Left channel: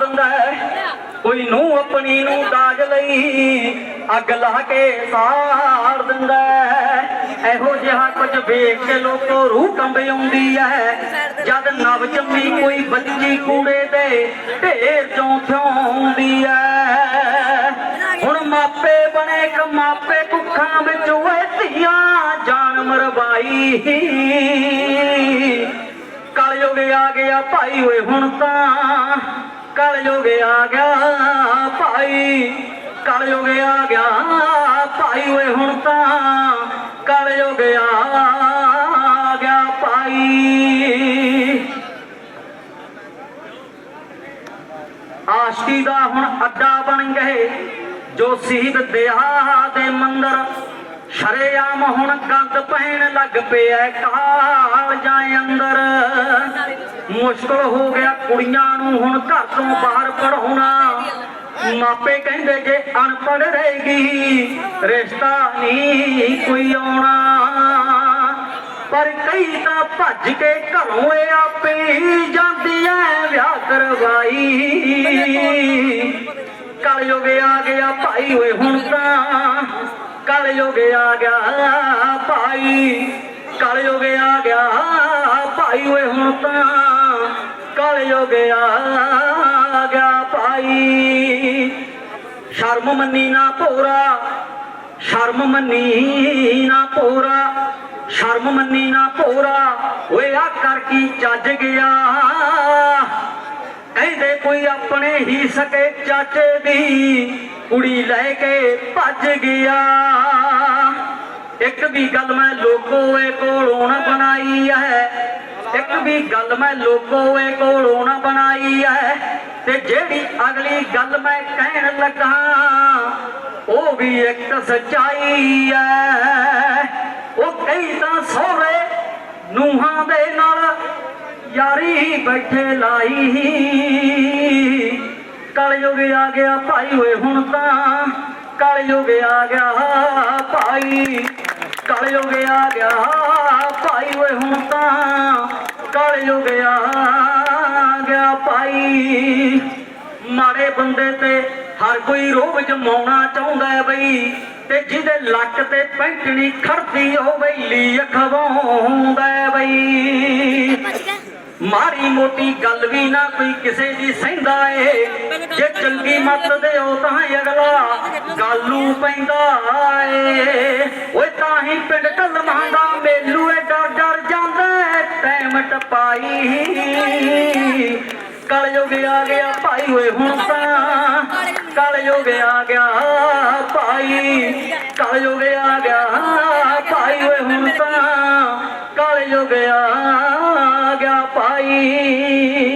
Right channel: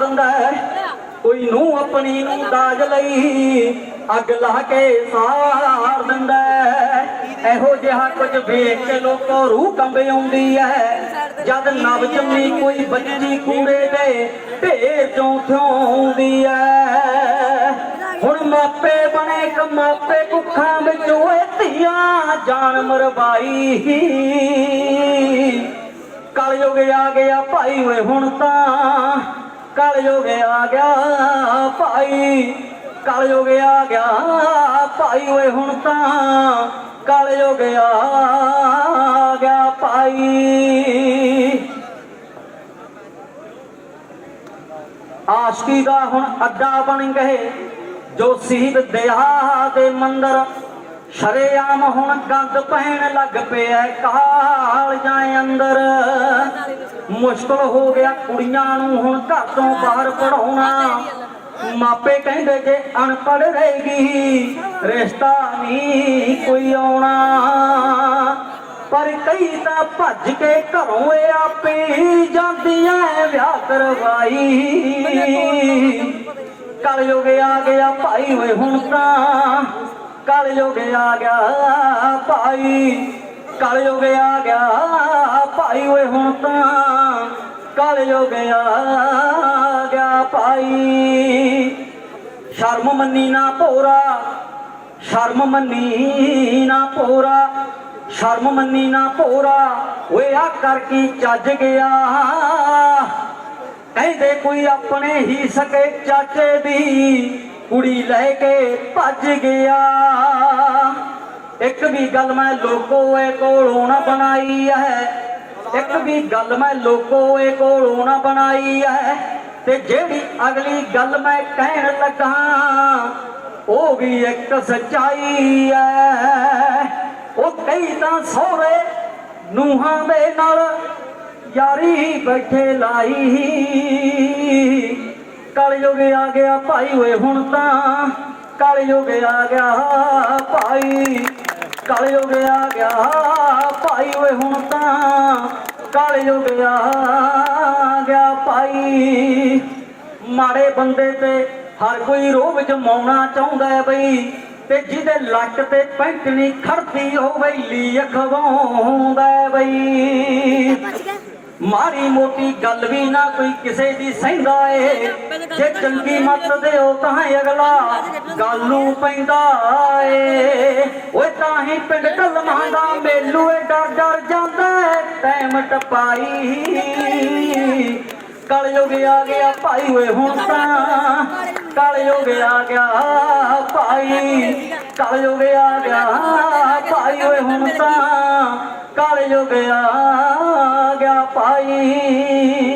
ਦਿੰਦਾ ਹੈ। ਕੋਈ ਨੂੰ ਆਪਣੀ ਨੂੰ ਦਾਜ ਲਈ ਅੱਗ ਲਾ ਕੇ ਸਾੜ ਦਿੰਦਾ ਇਹੋ ਜਿਹਾ ਕੁਝ ਵੇਖ ਕੇ ਲੋਕਾਂ ਰੂਹ ਕੰਬ ਆਉਂਦੀ ਹੈ। ਜਦ ਨਵ ਜੰਮੀ ਕੋਈ ਬੱਚੀ ਕੂੜੇ ਦੇ ਢੇਰ ਚੋਂ ਥਿਆਉਂਦੀ ਹੈ। ਹੁਣ ਮਾਪੇ ਬਣੇ ਕ ਮਾਪੇ ਕੁੱਖਾਂ ਵਿੱਚ ਓਏ ਧੀਆਂ ਜਾਨ ਮਰਵਾਈ। ਕਲਯੁਗ ਆ ਗਿਆ ਭਾਈ ਓਏ ਹੁਣ ਤਾਂ ਕਲਯੁਗ ਆ ਗਿਆ ਭਾਈ, ਕਲਯੁਗ ਆ ਗਿਆ ਭਾਈ, ਓਏ ਹੁਣ ਤਾਂ ਕਲਯੁਗ ਆ ਗਿਆ ਭਾਈ। ਆਸ਼ਕੀ ਦਾ ਹੁਣ ਅੱਡਾ ਬਣ ਗਏ, ਜੋ ਸੀਬ ਦਿਹਾ ਦੇ ਮੰਦਰ। ਸ਼ਰੇਆਮ ਹੁਣ ਗੰਦ ਪੈਣ ਲੱਗ ਪਿਆ ਕਾਲ ਜਾਂ ਅੰਦਰ। ਮੁਸ਼ਕਲ ਹੋ ਗਿਆ। ਕੁੜੀਆਂ ਨੂੰ ਹੁਣ ਘਰ ਤੋਂ ਬਾਹਰ ਪੜਾਉਣਾ ਮਾਪੇ ਕਹਿੰਦੇ ਜੇ ਅਨਪੜ੍ਹ ਰਹੇਗੀ ਰਿਸ਼ਤਾ ਨਹੀਂ ਕੋਈ ਆਉਣਾ। ਪਰ ਕਈ ਤਾਂ ਭੱਜ ਕੇ ਘਰੋਂ ਇਹ ਆਪੇ ਜਾਂਦੀ ਵਿਆਹ ਕਰਵਾਈ। ਕਲਯੁਗ ਆ ਗਿਆ ਭਾਈ, ਓਏ ਹੁਣ ਤਾਂ ਕਲਯੁਗ ਆ ਗਿਆ ਭਾਈ। ਕਲਯੁਗ ਆ ਗਿਆ ਭਾਈ, ਓਏ ਹੁਣ ਤਾਂ ਕਲਯੁਗ ਆ ਗਿਆ ਭਾਈ। ਸ਼ਰਮ ਮੰਨੀ ਨਾ ਭੋਰਾ, ਸ਼ਰਮ ਮੰਨੀ ਨਾ ਭੋਰਾ, ਸ਼ਰਮ ਮੰਨੀ ਨਾ ਭੋਰਾ। ਓਏ ਆ ਕਰ ਕੀ ਚੱਜ ਗਿਆ। ਕਹਿੰਦੇ ਕੋਈ ਆਪਣੇ ਹੀ ਸਕੇ ਚਾਚੇ ਦੀ। ਕੁੜੀ ਲੈ ਕੇ ਭੱਜ ਗਿਆ। ਇੱਕ ਵੀ ਗੱਲ ਮੈਂ ਲੋਕੋਏ ਕੋਲੋਂ ਨਾ ਬਣਾਈ ਹੈ। ਇੱਕ ਵੀ ਗੱਲ ਮੈਂ ਲੋਕੋਏ ਕੋਲੋਂ ਨਾ ਬਣਾਈ ਐ। ਤੇ ਜਿਹੜੀ ਅਗਲੀ ਗੱਲ ਮੈਂ ਕਹਿਣ ਲੱਗਾ, ਉਹ ਵੀ ਇੱਕ ਸੱਚਾਈ ਐ। ਉਹ ਕਈ ਤਾਂ ਸੋਹਰੇ ਨੂਹਾਂ ਦੇ ਨਾਲ ਯਾਰੀ ਬੈਠੇ ਲਾਈ। ਕਲਯੁਗ ਆ ਗਿਆ ਭਾਈ ਓਏ ਹੁਣ ਤਾਂ, ਕਲਯੁਗ ਆ ਗਿਆ ਭਾਈ। ਕਲਯੁਗ ਆ ਗਿਆ ਭਾਈ ਓਏ ਹੁਣ ਤਾਂ ਕਲਯੁਗ ਆ ਗਿਆ ਭਾਈ। ਮਾੜੇ ਬੰਦੇ ਤੇ ਹਰ ਕੋਈ ਰੋਬ ਜਮਾਉਣਾ ਚਾਹੁੰਦਾ ਹੈ ਬਈ, ਤੇ ਜਿਹਦੇ ਲੱਕ ਤੇ ਪੈਂਟ ਨਹੀਂ ਖੜਦੀ ਉਹ ਵੈਲੀ ਅਖਵਾਉਂਦਾ ਬਈ। ਮਾੜੀ ਮੋਟੀ ਗੱਲ ਵੀ ਨਾ ਕੋਈ ਕਿਸੇ ਦੀ ਸਹਿੰਦਾ ਏ, ਜੇ ਚੰਗੀ ਮੱਤ ਦਿਓ ਤਾਂ ਅਗਲਾ ਗੱਲ ਨੂੰ ਪੈਂਦਾ ਏ। ਦਾ ਏ ਡਰ ਡਰ ਜਾਂਦਾ ਟਾਈਮ ਟਪਾਈ। ਕਲਯੁਗ ਆ ਗਿਆ ਭਾਈ ਓਏ ਹੁਣ ਤਾਂ। ਕਲਯੁਗ ਆ ਗਿਆ ਭਾਈ। ਕਲਯੁਗ ਆ ਗਿਆ ਭਾਈ ਓਏ ਹੁਣ ਤਾਂ। ਕਲਯੁਗ ਆ ਗਿਆ ਭਾਈ।